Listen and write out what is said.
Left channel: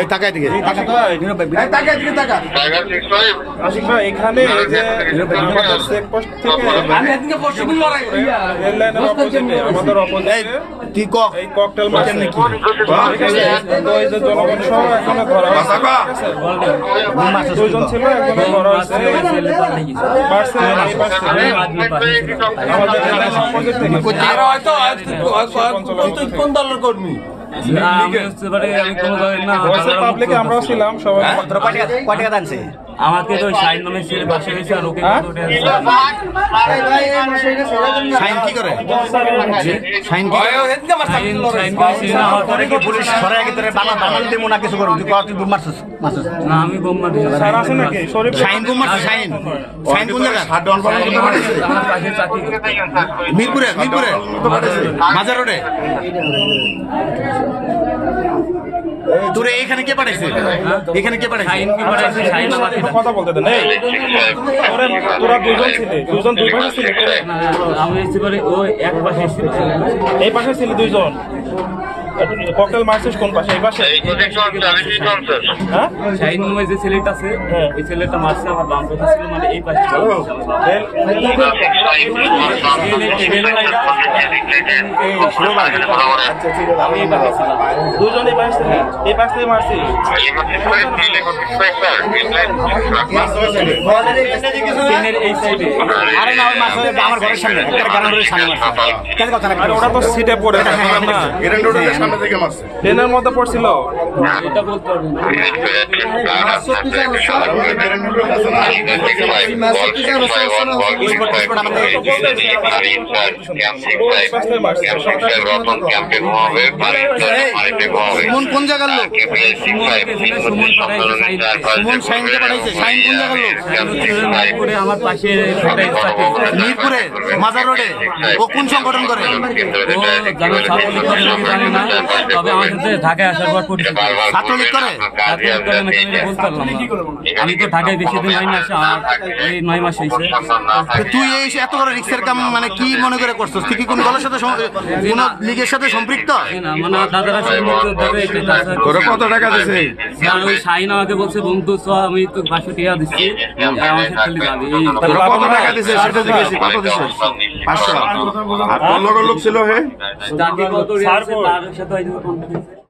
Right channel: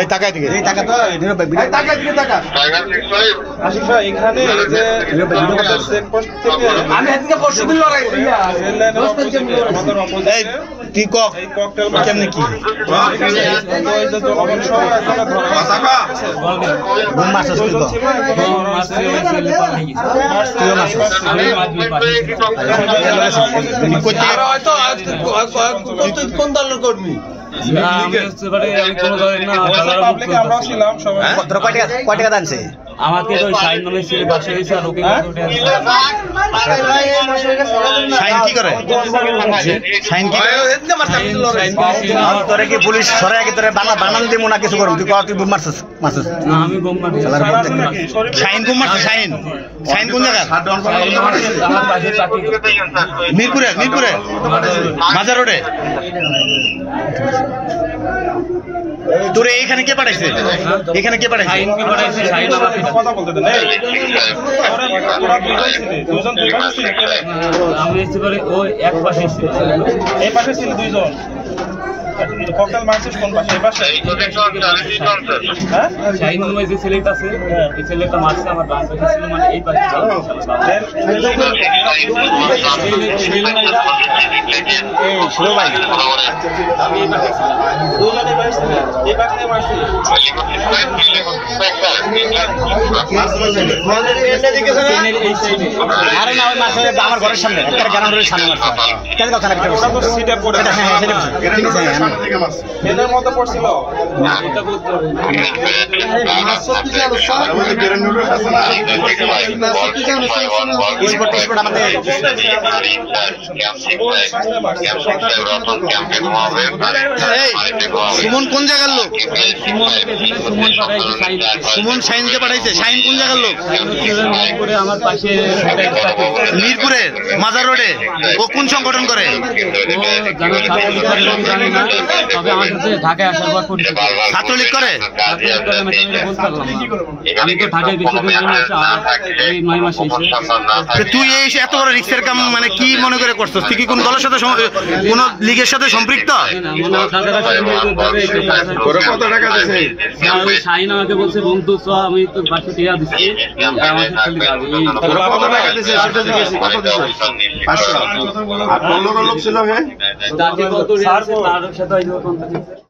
এই টাকা দিকে এই টাকা তো টাকা দিকে টাকা আশিক ভাই এখানে এই যে চেকপোস্ট থেকে আমি এদিকে পশ্চিমে লড়াই এই কি কক এই ককটেল কেমনে কি কোন দলের কর্মী আমাকে তো শাইন নামে ছেলে বাসা হয়েছে আর ওকে শাইন কি করে শাইন কি করে কি পুলিশ সরাই আগে তোরে বানান দেবো না কিছু করবি তুই তুই বোম মারছিস না আমি বোম মারি শাইন বোম মারছিস শাইন শাইন কোন জায়গা মিরপুরে মিরপুরে মাজার রোডে তোরে এখানে কে পাঠাইছে এখানে কে পাঠাইছে শাইন কি পাঠাইছে শাইন আমাকে কথা বলতে দেন দুজন ছিল আমি এসে করে ওই এক পাশে ছিল এই পাশে ছিল দুইজন ককটেল মারছিস কোন পাশে এই পাশে এই পজিশন চালিয়ে কোন স্যার হ্যাঁ শাইন নামে যে ছেলেটা আছে এই ছেলেটা মারছে আমার বাম পাশে ছিল মানে এই পাশে ছিল এই শুরু ভাই আমি এই পাশে ছিলাম দুজন এই পাশে এই পাশে মারছে এই সাইডে আরে না ওই মাছ আমার ঘরের সামনে একটা গ্রাউন্ডের সামনে মারছে কেন কথা না সিটে পড়ে গ্রাউন্ডের সামনে থেকে মারছে ট্রেনের মধ্যে পড়ছিল এটা বলতে পারবেন সুমন কোন জায়গার লোক সুমন শাইনকে পাঠাইছে শাইন কোন জায়গার লোক আমার পাশে মিরপুরের মাজার রোডে ও কোন সংগঠন করে জানি না তবে আমার কাছে ঢাকায় আসার পর পরিচিত ছাত্রলীগ করে বলতে পারলাম আমি তো ঢাকায় বেশি দিন 9 মাস আর এই 9 মাস হয়েছে তুই এই এত বড় রিক্সের কাম মানে কি মনে করে করছিস তুই কি কোন দলের সাথে কোন লীগের সাথে সম্পৃক্ত কত টাকা দিছে ওই শাইন আমাকে বলছে বন্ধু চ আমি তো বাসে টিয়া দিচ্ছি আমার কত টাকা দিছে সেটা জিজ্ঞেস কত দিছে 500 আর কোন লোক ছিল হে তাকে কত রিয়াল তার সাথে